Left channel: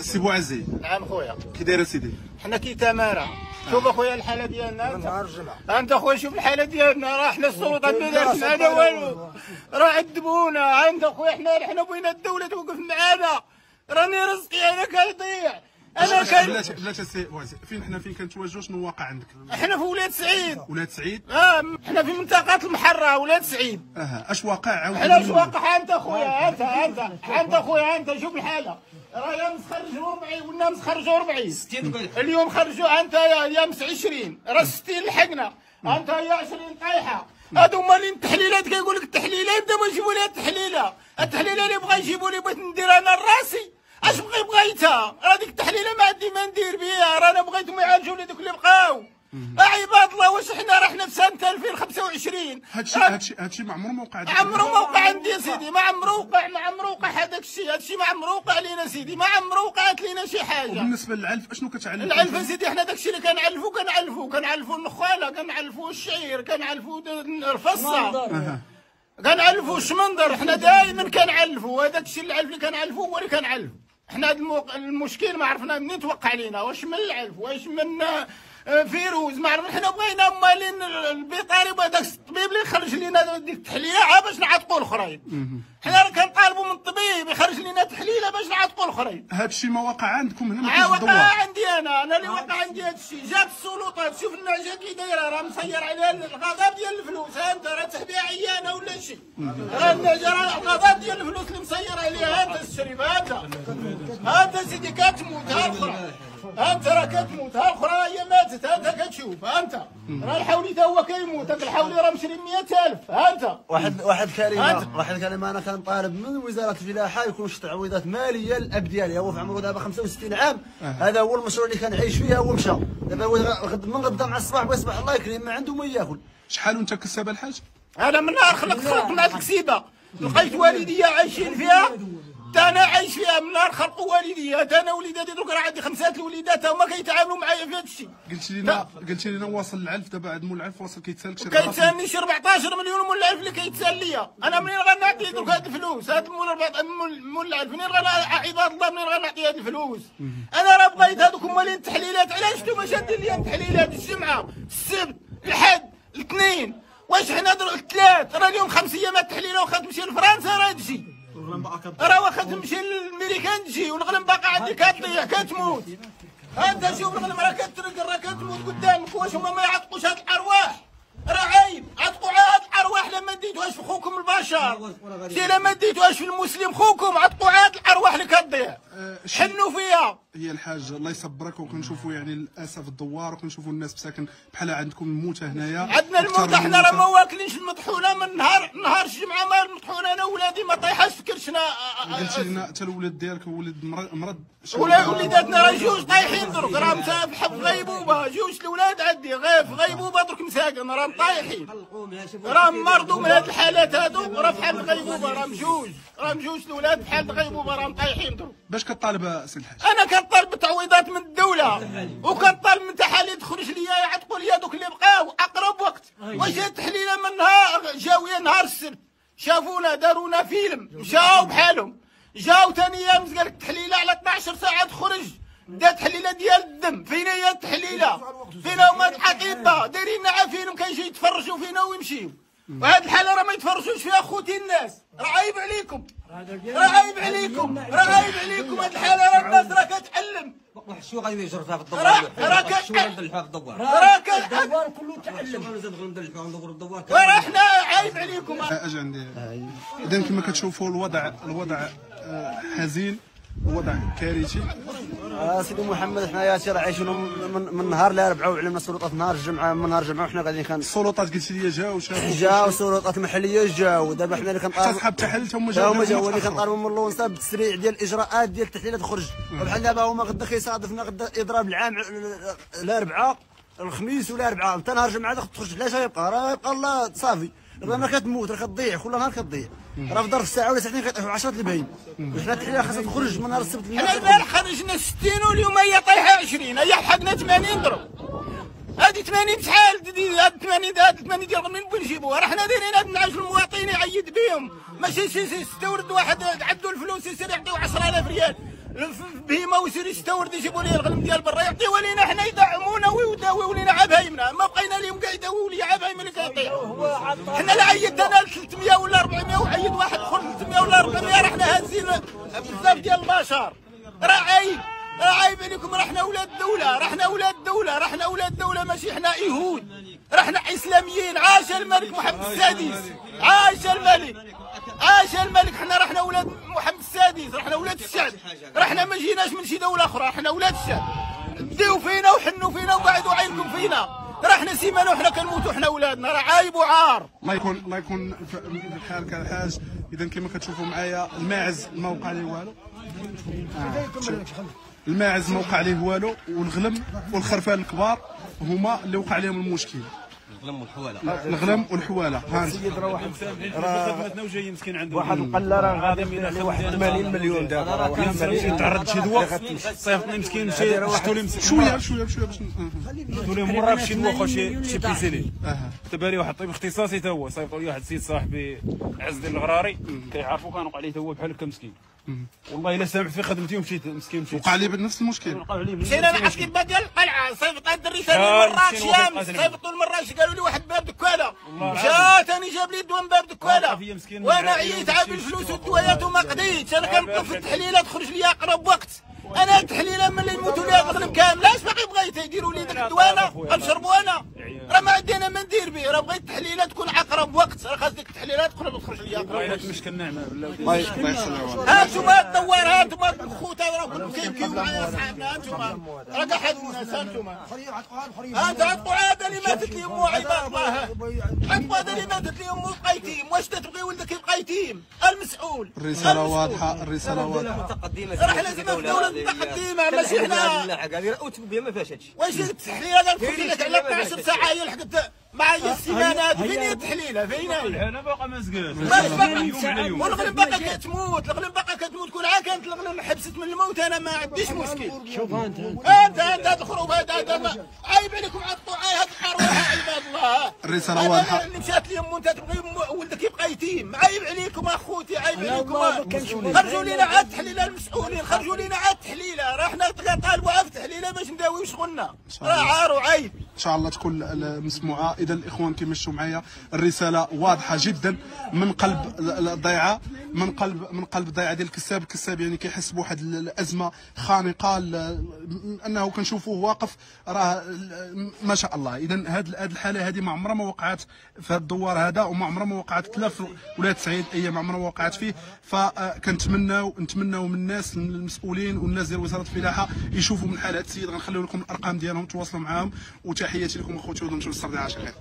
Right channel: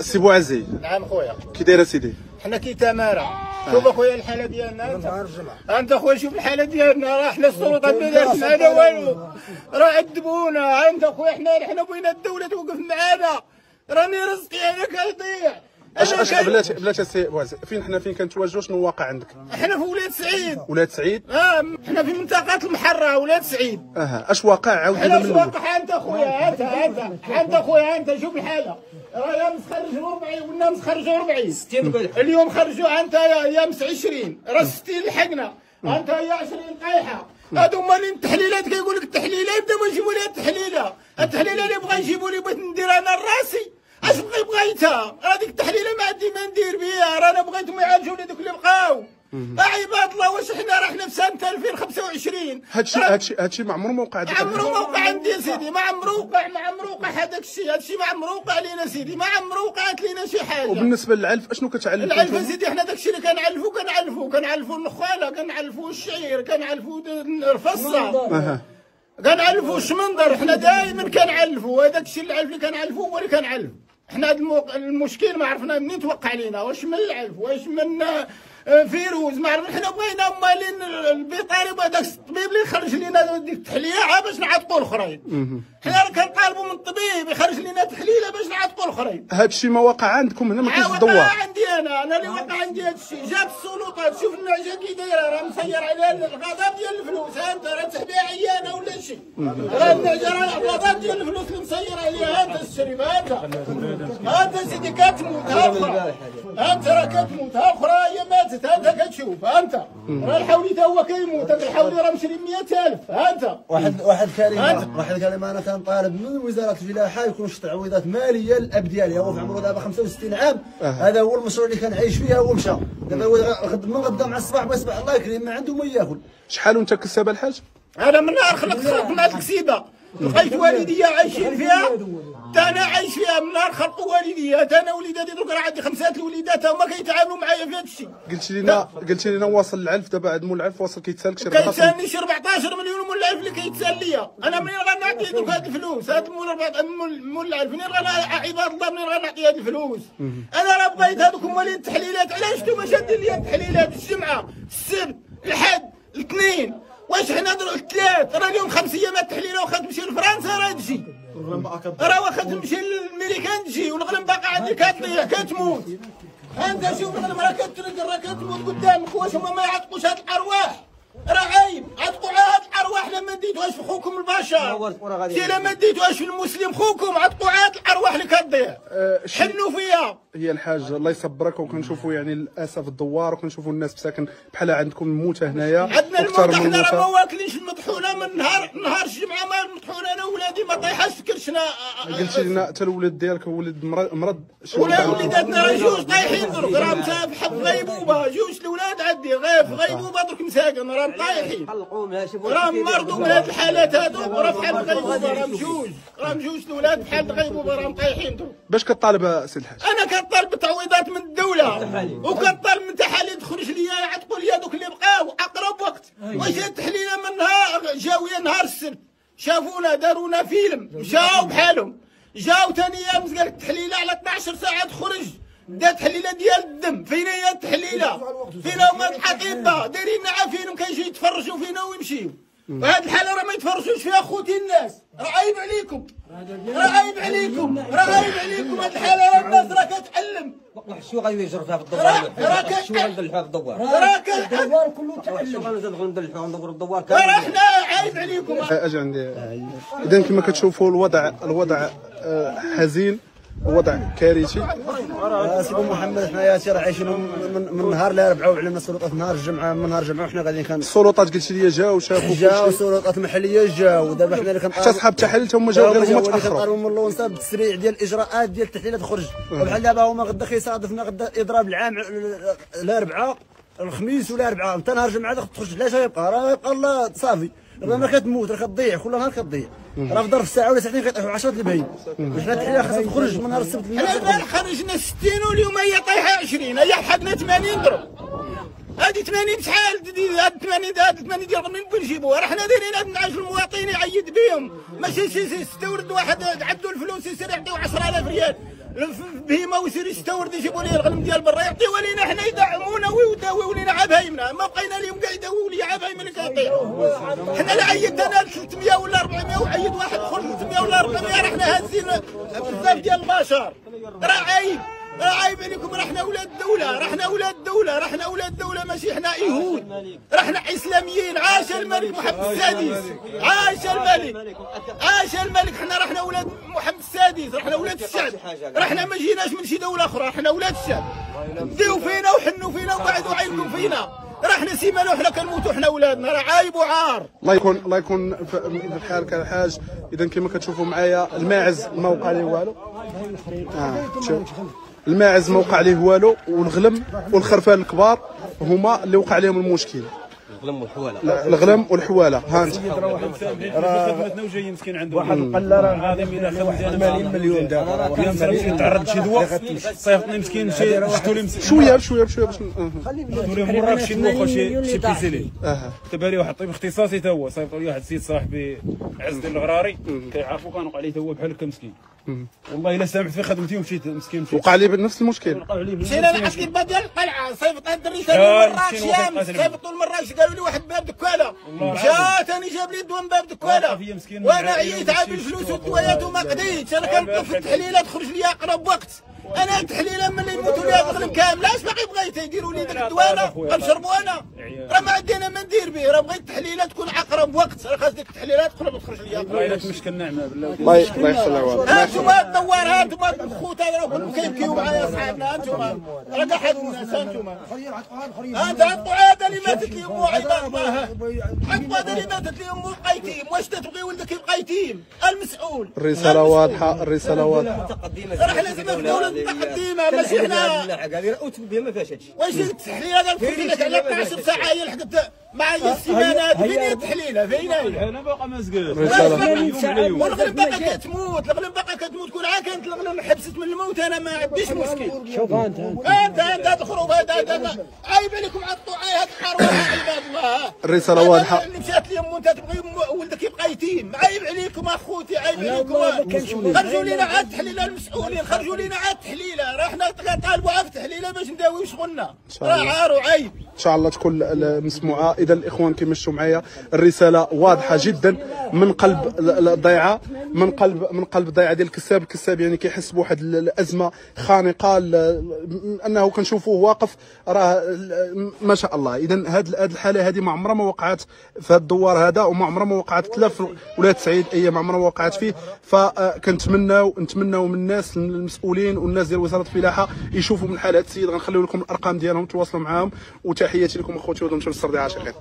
سي بوعزي. نعم خويا. كي داير سيدي؟ حنا كي تماره. شوف اخويا الحاله ديالنا من نهار الجمعه. انت اخويا شوف الحاله ديالنا، راه حنا السلطات ما دارت معنا والو، راه عذبونا. انت اخويا حنا بغينا الدوله توقف معنا، راني رزقي انا كيضيع. بلاتي سي بوعزي، فين كنتواجدوا؟ شنو واقع عندك؟ احنا في ولاد سعيد. ولاد سعيد؟ احنا في منطقه المحره ولاد سعيد. اش واقع؟ عاود حنا اش واقع؟ انت اخويا انت اخويا انت شوف الحاله، راه يا مسخرجوا 40 ولا مسخرجوا 40 اليوم خرجوا. انت يا مس 20 راه 60 لحقنا، انت يا 20 طايحه. هادو مالين التحليلات، كيقول لك التحليله يبداو يجيبوا لي التحليله اللي بغا يجيبوا لي بغيت ندير انا لراسي. اش بغيتها؟ هذيك التحليله ما عندي ما ندير بها، رانا بغيتهم يعالجوا لي دوك اللي بقاو. عباد الله، واش حنا رحنا في سنه 2025؟ هادشي ما عمره ما وقع عندك؟ عمرو ما وقع عندي يا سيدي، ما عمرو وقع هذاك الشيء، هادشي ما عمرو وقع لينا سيدي، ما عمرو وقعت لينا شي حاجه. وبالنسبه للعلف اشنو كتعلف؟ العلف سيدي حنا داك الشيء اللي كنعلفوا النخاله، كنعلفوا الشعير، كنعلفوا الفصه، كنعلفوا الشمندر. حنا دائما كنعلفوا هذاك الشيء، العلف اللي كنعلفوا هو اللي كنعلفوا. حنا المشكل ما عرفنا منين توقع لينا، واش من العلف واش من فيروز ما عرفنا. حنا بغينا مالين البيطاري بهذاك الطبيب اللي يخرج لنا ديك التحليه باش نعتقوا الاخرين. حنا راه كنطالبوا من الطبيب يخرج لنا تحليله باش نعتقوا الاخرين. هذا الشيء ما وقع عندكم هنا؟ ما كاينش الدواء عندي انا اللي وقع عندي هذا الشيء. جات السلطات، شوف النعجه كي دايره، راه مسير عليها الغضب ديال الفلوس. انت راه تحبيها عيانه ولا شي، راه النعجه راه الغضب ديال الفلوس اللي مسير عليها. انت الشريف انت سيدي كتموت، ها الاخرى انت راه كتموت، ها الاخرى هي ماتت، انت كتشوف. انت راه الحولي تا هو كيموت، هذا الحولي راه مشري 100,000. انت واحد كلمه انا كنطالب من وزاره الفلاحه يكون شي تعويضات ماليه للاب ديالي. هو في عمره دابا 65 عام، هذا هو المشروع اللي كان عايش فيه، هو مشى دابا. هو من غدا مع الصباح بيصبح الله يكرم ما عنده ما ياكل. شحال وانت كساب الحاج؟ انا من نهار خلقنا هذه الكسيبه، لقيت والديا عايشين فيها، تا انا عايش فيها من نهار خلقوا والديا. تا انا وليداتي دوك راه عندي 5 الوليدات، هما كيتعاملوا معايا في هذا الشيء. قلت لنا واصل العلف دابا، عاد مول العلف واصل كيتسالك شي كيتسالني شي 14 مليون مول العلف اللي كيتسال ليا. انا منين غنعطي دوك هاد الفلوس؟ هاد مول العلف منين عباد الله منين غنعطي هاد الفلوس؟ انا راه بغيت هذوك مالين التحليلات. علاش نتوما شادين لي التحليلات الجمعه السبت الحد الاثنين؟ واش حنا الثلاث؟ راه اليوم 5 ايام التحليله واخا تمشي لفرنسا راه تجي، راه واخا تمشي للميريكان تجي، والغلم باقا عندي كتضيع كتموت. انت شوف الغلم راه كترقل راه كتموت قدامك. واش هما ما يعتقوش هاد الارواح؟ راه عيب عتقوا على هاد الارواح. لما ديتوهاش في خوكم البشر، سي لما ديتوهاش في المسلم خوكم، عتقوا على هاد الارواح اللي كتضيع، حنوا فيها. هي الحاج الله يصبرك. وكنشوفوا يعني للاسف الدوار، وكنشوفوا الناس مساكن بحال عندكم الموتى هنايا. عندنا الموتى، حنا راه ما واكلينش المطحونه من نهار الجمعه. ما المطحونه انا ولادي ما طايحاش في كرشنا. قلت لنا حتى الولاد ديالك ولد مرض. ولا وليداتنا راه جوج طايحين درك، راه مسافح في غيبوبه. جوج الاولاد عندي في غيبوبه درك مساكن، راه طايحين، راه مرضوا من هاد الحالات هادو، راه في حال غيبوبه. راه مجوج الاولاد في حال غيبوبه، راه طايحين درك. باش كطالب سي الحاج؟ انا كنطالب بتعويضات من الدوله، وكنطالب من تحاليل تخرج ليا يعتقوا ليا دوك اللي بقاو اقرب وقت. واش هاد التحليله من نهار جاويه نهار السبت شافونا دارونا فيلم مشاو بحالهم، جاو ثاني يوم قال لك التحليله على 12 ساعه تخرج. دا تحليله ديال الدم، فين هي التحليله؟ فين هما الاطباء دايرين عافينهم كيجيو يتفرجوا فينا ويمشيو. وهاد الحاله راه ما يتفرجوش فيها خوتي الناس. راه عيب عليكم، راه عيب عليكم، راه عيب عليكم. هاد الحاله راه الناس راه كتعلم. شو غيجر فيها في الدوار؟ شو غندلحوها في الدوار؟ راه الدوار كله تعلم. شو غنزيدو ندلحوها ندورو الدوار؟ راه حنا عيب عليكم. اجي عندي. اذا كما كتشوفوا الوضع حزين، وضع كارثي. سيدي محمد حنايا راه عايشين من نهار الاربعاء، وعلمنا السلطات نهار الجمعه. من نهار الجمعه وحنا قاعدين السلطات قلت لي جاو شافوا، جاو السلطات المحليه جاو. دابا حنا اللي كنطالبوا حتى صحاب التحليل هما جاو اللي كنطالبوا من اللونسا بالتسريع ديال الاجراءات ديال التحليله تخرج. وبحال دابا هما غدا كيصادفنا غدا اضراب العام الاربعاء الخميس ولا الاربعاء، حتى نهار الجمعه تخرج. لا شي يبقى، راه يبقى الله صافي. راه ما كتموت، راه كتضيع كل نهار كتضيع. راه في ظرف ساعه ولا ساعتين كيطيحوا 10 الباين. وحنا التحليله خاصها تخرج من نهار السبت. حنا البارح خرجنا 60 واليوم هي طايحه 20، هي حقنا 80 ضرب. هذه 80 شحال؟ هاد 80 ديال منين بغيو نجيبوها؟ راه حنا دايرين هاد النعاش المواطنين يعيد بهم، ماشي شي يستورد واحد عنده الفلوس يسير يعطيو 10,000 ريال. بهيمه ويصير يستورد يجيبوا لي الغنم ديال برا يعطيوها لينا حنا يدعمونا ويداويو لينا عبايمنا، ما بقينا لهم كاع يداويو لي عبايم اللي كيعطيو. حنا لا عيدت انا 300 ولا 400 وعيد واحد اخر 300 ولا 400 راه حنا هازين بزاف ديال البشر. راه عيب، راه عيب عليكم، راه حنا ولاد الدولة، راه حنا ولاد الدولة، راه حنا ولاد الدولة ماشي حنا يهود، راه حنا اسلاميين. عاش الملك محمد السادس، عاش الملك، عاش الملك. حنا راه حنا ولاد محمد السادس، راه حنا ولاد الشعب، راه حنا ما جيناش من شي دولة أخرى، راه حنا ولاد الشعب. ديو فينا وحنوا فينا وقعدوا عينكم فينا، راه حنا سيمانه وحنا كنموتوا حنا ولادنا، راه عايب وعار. الله يكون بحالك الحاج. اذا كما كتشوفوا معايا الماعز ما وقع ليه والو، الماعز ما وقع ليه والو، والغلم والخرفان الكبار هما اللي وقع لهم المشكل. الغلم والحواله، الغلم والحواله. ها انت خدمتنا وجاي مسكين عنده واحد القله راه غادي الى 80 مليون دابا، مشي تعرض شي دواء صيفطني مسكين مشي شفتو لي شويه بشويه بشويه باش شفتو لي مره في شي موخ شي بيسيلي كتب لي واحد طبيب اختصاصي تا هو صيفطوا لي واحد السيد صاحبي عز ديال الغراري كيعرفوا كان وقع ليه تا هو بحال هكا مسكين. والله الا سامحت في خدمتي ومشيت مسكين مشيت وقع لي بنفس المشكل. سينا مع الكذبه ديال القلعه، صيفط هاد الدريسه للمراكش يامس، صيفطوا المراكش قالوا لي واحد باب دكاله، مشى ثاني جاب لي الدواء من باب دكاله، وانا عييت عاد الفلوس والدوايات وما قديتش. انا كنطلب في التحليله تخرج لي اقرب وقت، انا التحليله ملي يموتوا لي هاد الغنم كامل اش باقي بغيت يديروا لي ديك الدواء غنشربوا انا، راه ما عندي انا ما ندير به، راه بغيت التحليله تكون اقرب وقت، راه خاص ديك التحليله تخرج لي والله الا تمشكل نعمه بالله. الله يسلمك. ها انتوما الدوار، ها انتوما الخوت هذا راكم كيبكيو معايا صحابنا، انتوما راه كاع حد الناس، ها انتوما ها انت عطوا هذا اللي ماتت لي امو عباد الله، عطوا هذا اللي ماتت لي امو بقى يتيم، واش تبغي ولدك يبقى يتيم؟ المسؤول. الرساله واضحه، الرساله واضحه. راه لازم الدوله متقدمه ماشي حنا. هذه بها ما فيهاش هادشي. واش التحليله غنفوت لك على 12 ساعه هي لحقت مع السيمانات، فين هي التحليله؟ فين هي؟ انا باقا ما زقات والغنم باقا كتموت، الغنم باقا كتموت. كل عام كانت الغنم حبست من الموت، انا ما عنديش مشكل. شوف انت هاد الخروب هذا عيب عليكم، عطوا هاد الحروه عباد الله. الرساله واضحه. اللي مشات لي امو انت تبغي ولدك يبقى يتيم، عيب عليكم اخوتي، عيب عليكم. خرجوا لينا عاد التحليله المسؤولين، خرجوا لينا عاد التحليله، راه حنا طالبوا عاد التحليله باش نداويو شغلنا، راه عار وعيب. ان شاء الله تكون مسموعه. اذا الاخوان كما شفتوا معايا الرساله واضحه جدا من قلب الضيعه، من قلب الضيعه ديال الكساب. الكساب يعني كيحس بواحد الازمه خانقه، انه كنشوفوه واقف راه ما شاء الله. اذا هذه الحاله هذه ما عمرها ما وقعت في هذا الدوار هذا، وما عمرها ما وقعت لا في ولايه سعيد، ما عمرها ما وقعت فيه. فكنتمناو من الناس المسؤولين والناس ديال وزاره الفلاحه يشوفوا من حال هذا السيد. غنخليو لكم الارقام ديالهم تواصلوا معاهم، وتحياتي لكم اخوتي ودمتم بالصحه عاشقين.